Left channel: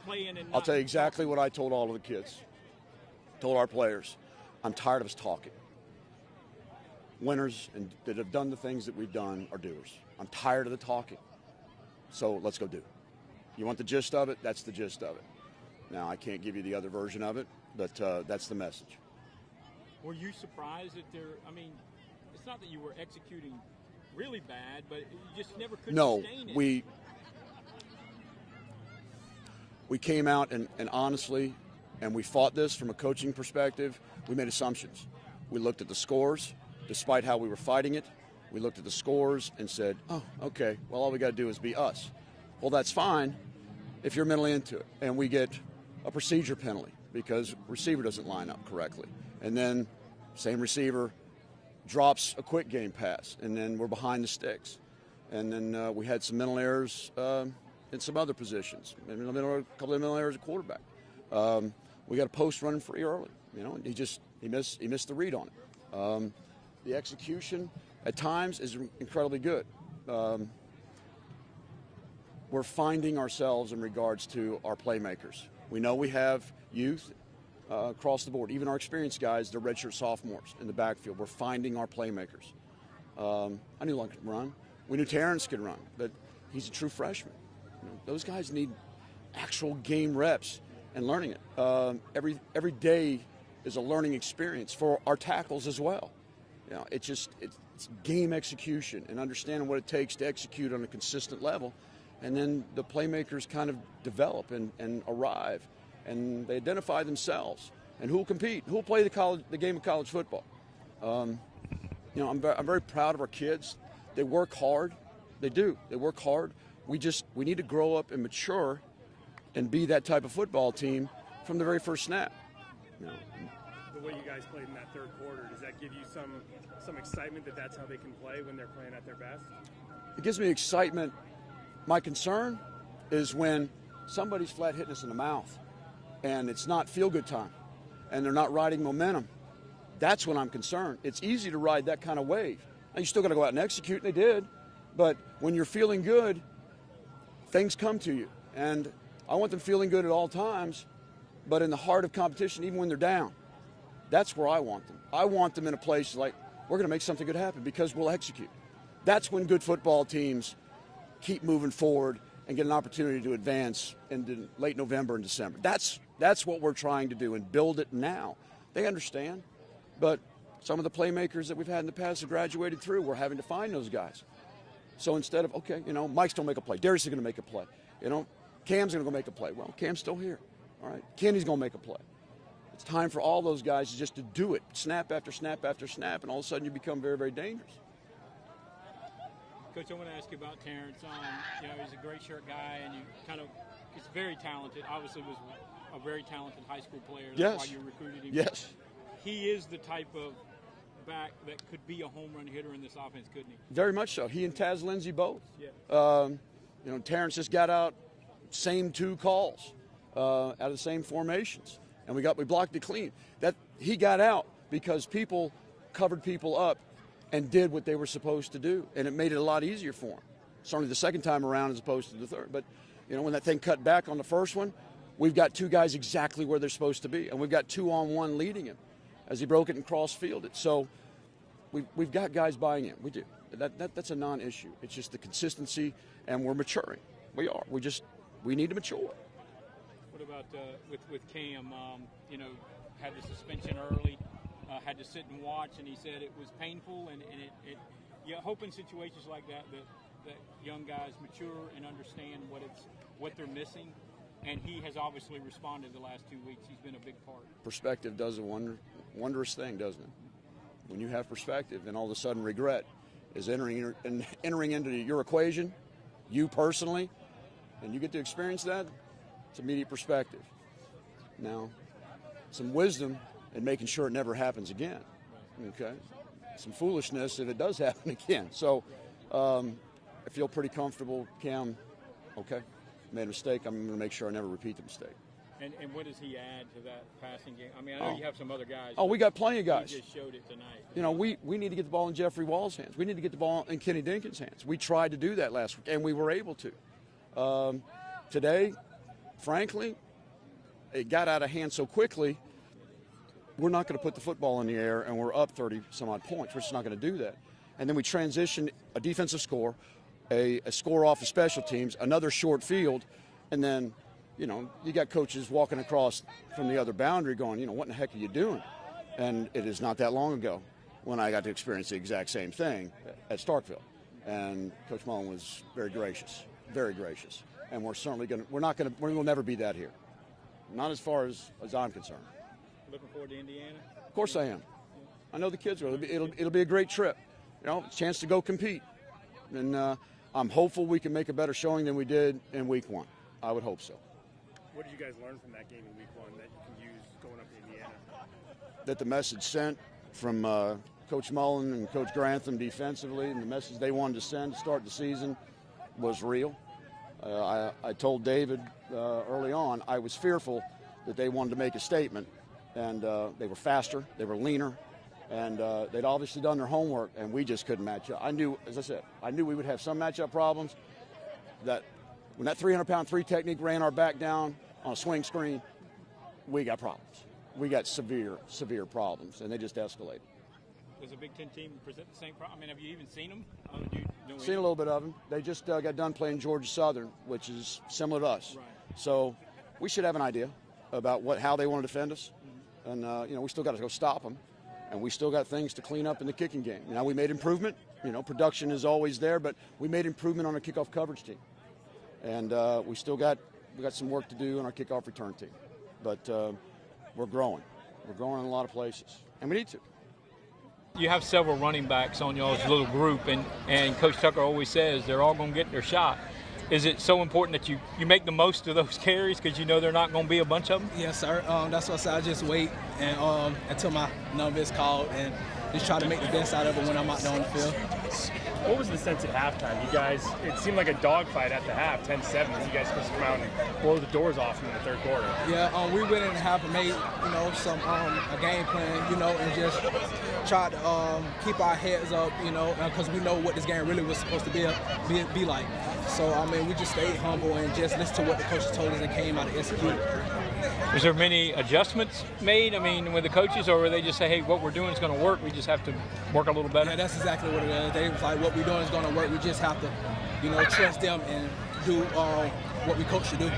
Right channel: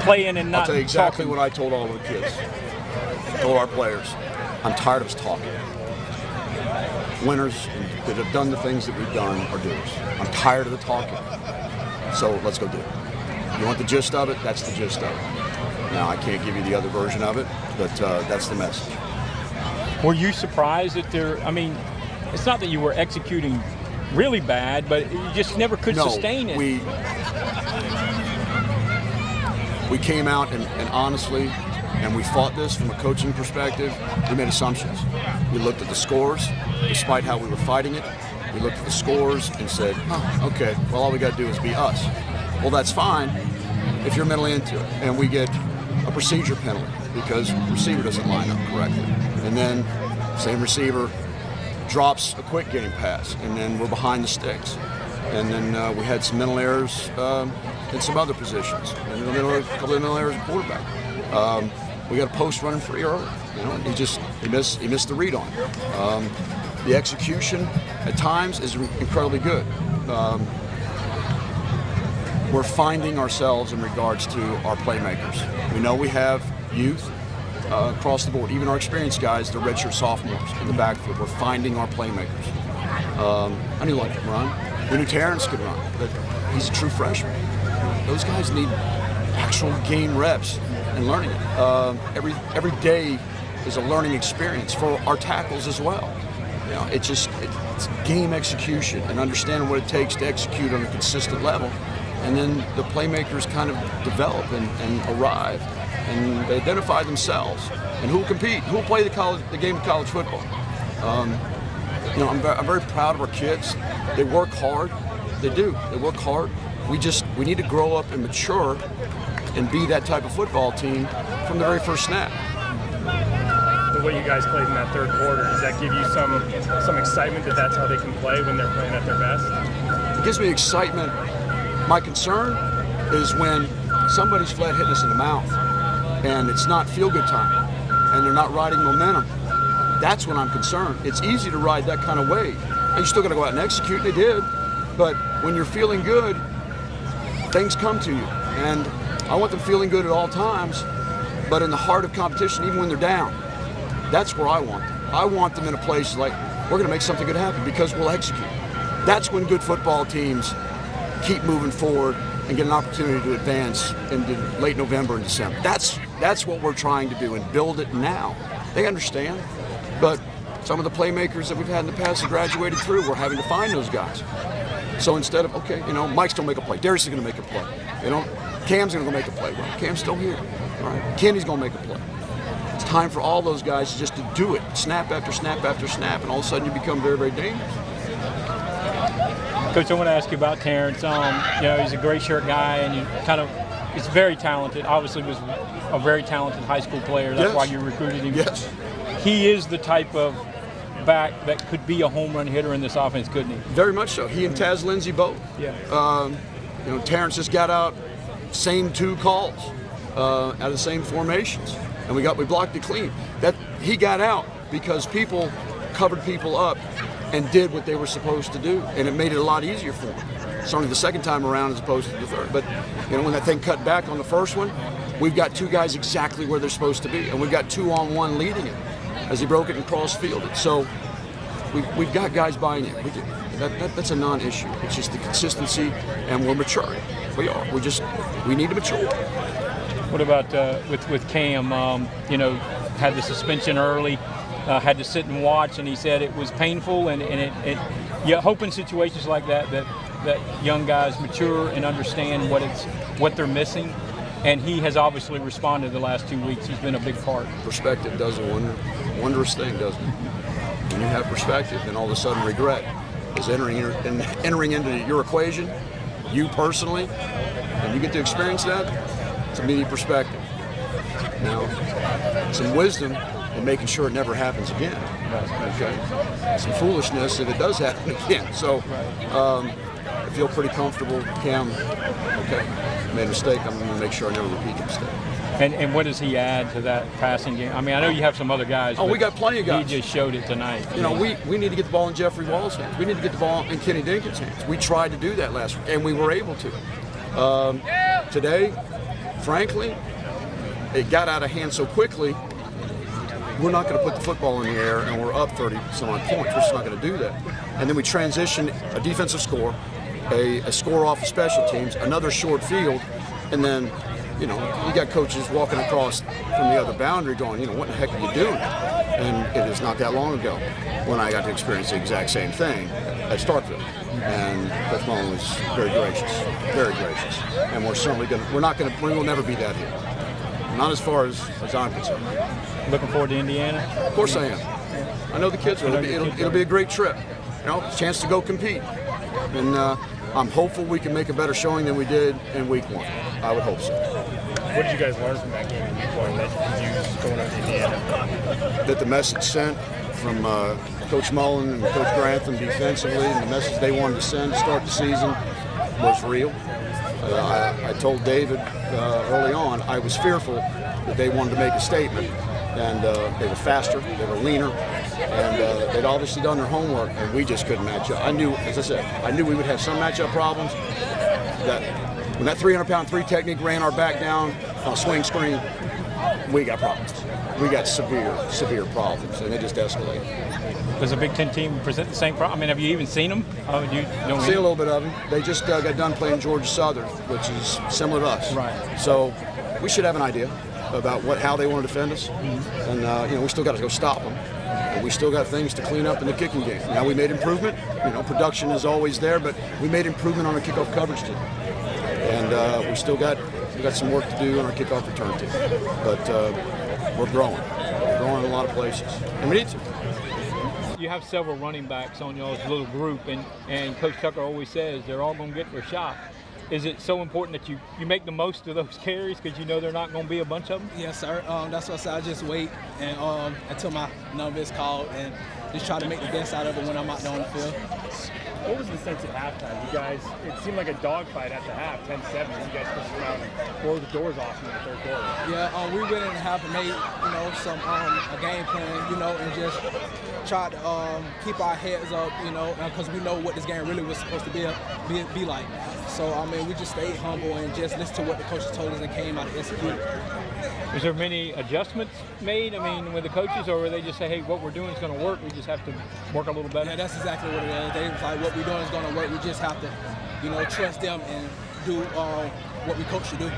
playing and not I'll tell you exactly talking? what I told all of the kids. I told our players, I'm tired of us talking. Winners that have done the things that we've done are doers. I'm tired of the talking. So let's go do it. You want the gist of it? That's the gist of it. Now, I can't give you the other version of it, but that's the message. Were you surprised that I mean, it's not that you were executing really bad, but you just never could sustain it. We came out and honestly, and we fought this from a coaching perspective. We made assumptions. We looked at the scores, despite how we were fighting it. We looked at the scores and said, oh, okay, well, all we got to do is be us. Well, that's fine if you're mentally into it. And we get a procedure penalty because the receiver doesn't line up correctly. And then same receiver drops a quick game pass, and then we're behind the sticks. And then we had some mental errors in some other positions. And a couple of mental errors at quarterback. We got a post running free early. You know, he missed the read on it. The execution at times is incredibly good. We're finding ourselves in regards to our playmakers. We know we have youth across the board. Even our experienced guys, the redshirt sophomores in the backfield. We're finding our playmakers. I knew like run. We knew Terrance could run, but he's a true freshman. Those guys need actual game reps and learning it. Every day is a learning experience for our tackles as well. You know, it's game execution and understanding what it takes to execute on a consistent level. And then the playmakers kind of develop and arrive, and they identify themselves. And who will compete? Who will play the game of college football? You know, I'm very proud of our kids. They work hard. They do. They work hard. We need to grow up and mature and be that type of football team from the very first snap. The way you guys played in that third quarter, does that give you some excitement that that's how they can play when they're playing at their best? It gives me excitement. My concern is when somebody's flat hitting us in the mouth and it's not feel-good time and they're not riding momentum. That's when I'm concerned. It's easy to ride that kind of wave. You still got to go out and execute, and they did. But when you're feeling good, things come to you. And I want them feeling good at all times, but in the heart of competition, even when they're down, that's where I want them. I want them in a place like, we're going to make something good happen because we'll execute. That's when good football teams keep moving forward and get an opportunity to advance into late November and December. That's what we're trying to do and build it now. They understand, but some of the playmakers that we've had in the past have graduated through. We're having to find those guys. So instead of, okay, you know, Mike's going to make a play. Darius is going to make a play. You know, Cam's going to go make a play. Well, Cam's still here. All right, Kenny's going to make a play. It's time for all those guys just to do it, snap after snap after snap, and all of a sudden you become very, very dangerous. Coach, I want to ask you about Terrance. You know, he's a gray shirt guy, and he's very talented. Obviously, was a very talented high school player. That's why you recruited him. Yes. He is the type of back that could be a home run hitter in this offense, couldn't he? Very much so. He and Taz Lindsay both. Yeah. You know, Terrance just got out, same two calls, out of the same formations, and we blocked it clean. That he got out because people covered people up and did what they were supposed to do, and it made it a lot easier for him. It's only the second time around as opposed to the third. But you know, when that thing cut back on the first one, we've got two guys exactly where they're supposed to be, and we've got 2-on-1 leading it as he broke it and cross-fielded. So we've got guys buying in. That's a non-issue. It's just the consistency, and we're maturing. We are. We need to mature. What about with Cam? You know, had the suspension early. Had to sit and watch, and he said it was painful, and you hope in situations like that young guys mature and understand what they're missing, and he has obviously responded the last 2 weeks. He's been a big part. Perspective does a wondrous thing, doesn't it? When you have perspective, then all of a sudden regret is entering into your equation, you personally, and you get to experience that. It's immediate perspective. Now, some wisdom and making sure it never happens again. Okay. Some foolishness if it does happen again. So I feel pretty comfortable. Cam, okay, made a mistake. I'm going to make sure I never repeat the mistake. And what does he add to that passing game? I mean, I know you have some other guys. Oh, we got plenty of guys. He just showed it tonight. You know, we need to get the ball in Jeffrey Wall's hands. We need to get the ball in Kenny Dinkin's hands. We tried to do that last week, and we were able to. Today, frankly, it got out of hand so quickly, we're not going to put the football in the air and we're up 30-some-odd points. We're just not going to do that. And then we transition a defensive score, a score off of special teams, another short field, and then, you got coaches walking across from the other boundary going, what the heck are you doing? And it is not that long ago when I got to experience the exact same thing at Starkville. And Coach Mullen was very gracious, and we will never be that here. Not as far as I'm concerned. Looking forward to Indiana? Of course I am. I know the kids are. It'll be a great trip. A chance to go compete. And I'm hopeful we can make a better showing than we did in week 1. I would hope so. What did you guys learn from that game in week 1 that you could use going up to Indiana? That the message sent from Coach Mullen and Coach Grantham defensively, and the message they wanted to send to start the season was real. I told David early on I was fearful that they wanted to make a statement, and they were faster, they were leaner, and they'd obviously done their homework, and we just couldn't match up. I knew we would have some matchup problems. That when that 300-pound 3 technique ran our back down on a swing screen, we got problems. We got severe problems, and it just escalated. Does a Big Ten team present the same problem? I mean, have you even seen them? Seen a little bit of them. They just got done playing Georgia Southern, which is similar to us. Right. So we should have an idea about how they want to defend us, and we still got to go stop them. And we still got things to clean up in the kicking game. Now we made improvement. Production is always there, but we made improvement on the kickoff coverage team, and we got some work to do on our kickoff return team. But we're growing. We're growing in a lot of places, and we need to. You have several running backs on y'all's little group, and Coach Tucker always says they're all going to get their shot. Is it so important that you make the most of those carries because there are not going to be a bunch of them? Yes, sir. That's why I said I just wait and until my number is called and just try to make the best out of it when I'm out there on the field. What was the sense at halftime? You guys, it seemed like a dogfight at the half, 10-7, as you guys pushed around and blow the doors off in the third quarter. Yeah, we went in the half and made, some a game plan, and just tried to keep our heads up, because we know what this game really was supposed to be like. So, we just stayed humble and just listened to what the coaches told us and came out and executed. Was there many adjustments made, with the coaches, or were they just say, hey, what we're doing is going to work, we just have to work a little better? Yeah, that's exactly what it is. They was like, what we're doing is going to work, we just have to, trust them and do what we coach to do.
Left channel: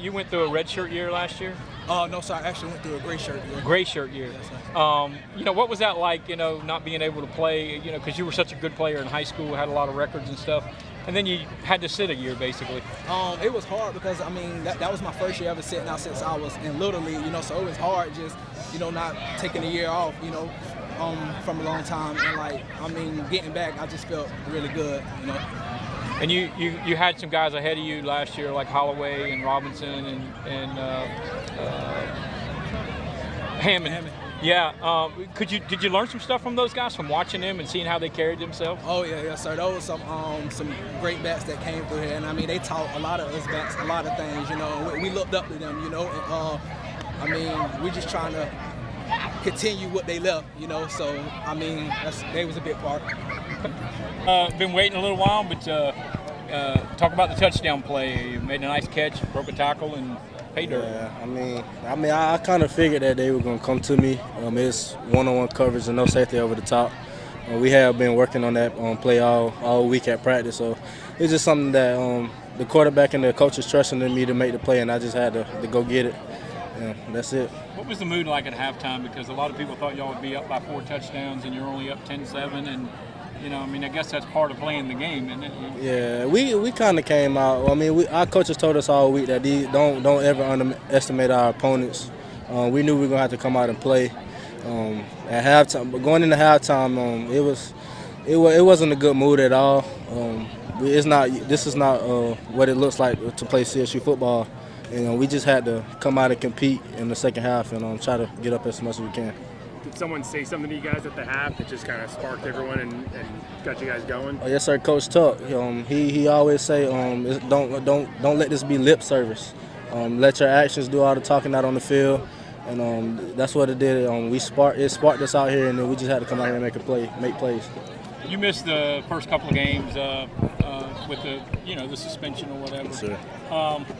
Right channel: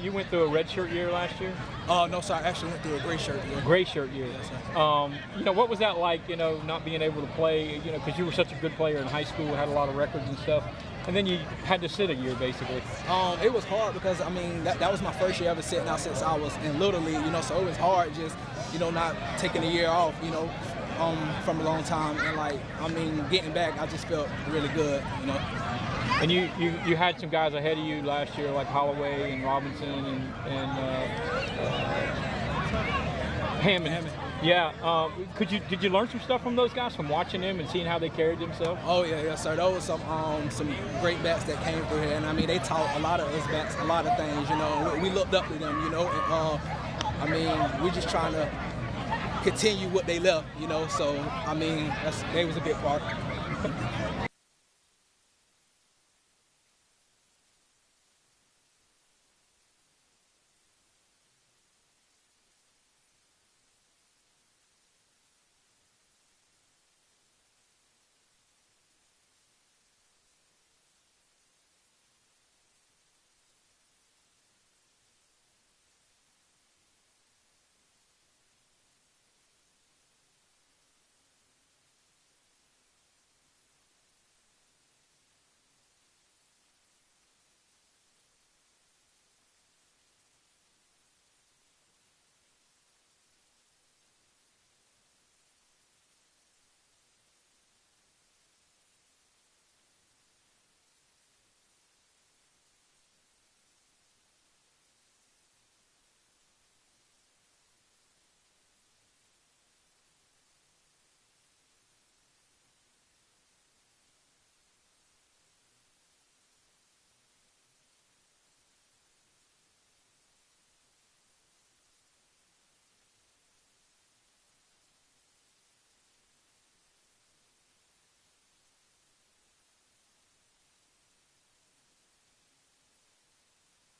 You went through a red shirt year last year? No, sir, I actually went through a gray shirt year. Gray shirt year. Yes, sir. What was that like, not being able to play, because you were such a good player in high school, had a lot of records and stuff, and then you had to sit a year, basically. It was hard because, that was my first year ever sitting out since I was in Little League, so it was hard just, not taking a year off, from a long time, and, getting back, I just felt really good, And you had some guys ahead of you last year, like Holloway and Robinson and Hammond. Yeah. Did you learn some stuff from those guys from watching them and seeing how they carried themselves? Oh yeah, yes sir. Those were some great backs that came through here, and they taught a lot of us backs a lot of things. We looked up to them. And we're just trying to continue what they left. So they was a big part. Been waiting a little while, but talk about the touchdown play. You made a nice catch, broke a tackle, and paid dirt. Yeah, I kind of figured that they were going to come to me. It's one-on-one coverage and no safety over the top. We have been working on that play all week at practice, so it's just something that the quarterback and the coaches trusting in me to make the play, and I just had to go get it. Yeah, that's it. What was the mood like at halftime? Because a lot of people thought y'all would be up by 4 touchdowns, and you're only up 10-7, and I guess that's part of playing the game, isn't it? Yeah, we kind of came out. Our coaches told us all week that don't ever underestimate our opponents. We knew we were gonna have to come out and play at halftime. But going into halftime, it wasn't a good mood at all. This is not what it looks like to play CSU football. We just had to come out and compete in the second half and try to get up as much as we can. Did someone say something to you guys at the half that just kind of sparked everyone and got you guys going? Oh, yes, sir, Coach Tuck. He always say, don't let this be lip service. Let your actions do all the talking out on the field, and that's what it did. It sparked us out here, and then we just had to come out here and make plays. You missed the first couple of games with the suspension or whatever. Yes, sir.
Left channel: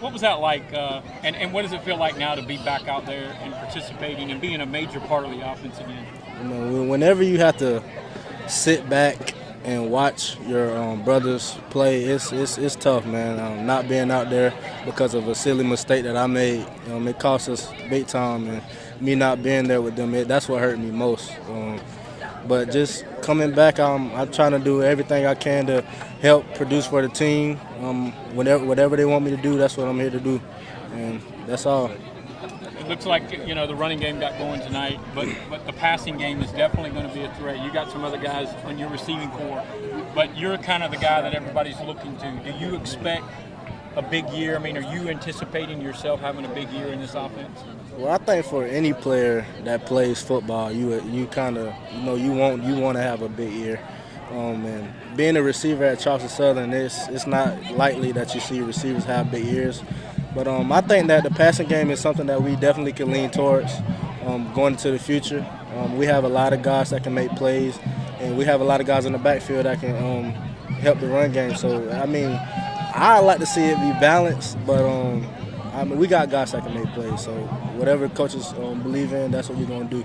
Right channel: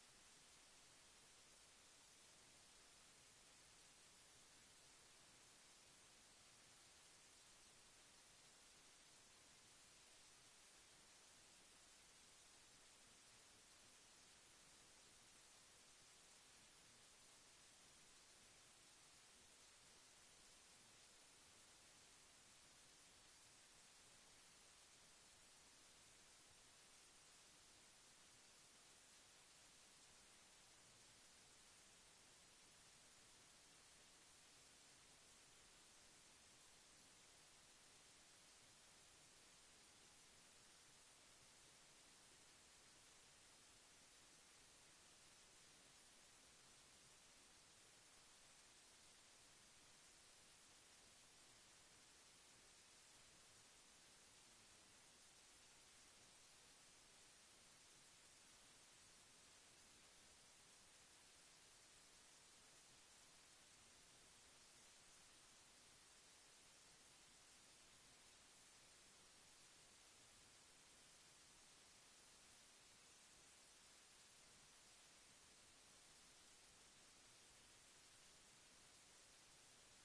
What was that like, and what does it feel like now to be back out there and participating and being a major part of the offense again? You know, whenever you have to sit back and watch your brothers play, it's tough, man. Not being out there because of a silly mistake that I made, it cost us big time, and me not being there with them, that's what hurt me most. But just coming back, I'm trying to do everything I can to help produce for the team. Whatever they want me to do, that's what I'm here to do, and that's all. It looks like, you know, the running game got going tonight, but the passing game is definitely going to be a threat. You got some other guys on your receiving corps, but you're kind of the guy that everybody's looking to. Do you expect a big year? I mean, are you anticipating yourself having a big year in this offense? Well, I think for any player that plays football, you kind of, you want to have a big year. And being a receiver at Charleston Southern, it's not likely that you see receivers have big years. But I think that the passing game is something that we definitely can lean towards going into the future. We have a lot of guys that can make plays, and we have a lot of guys in the backfield that can help the run game. So, I mean, I like to see it be balanced, but we got guys that can make plays. So whatever coaches believe in, that's what we're going to do.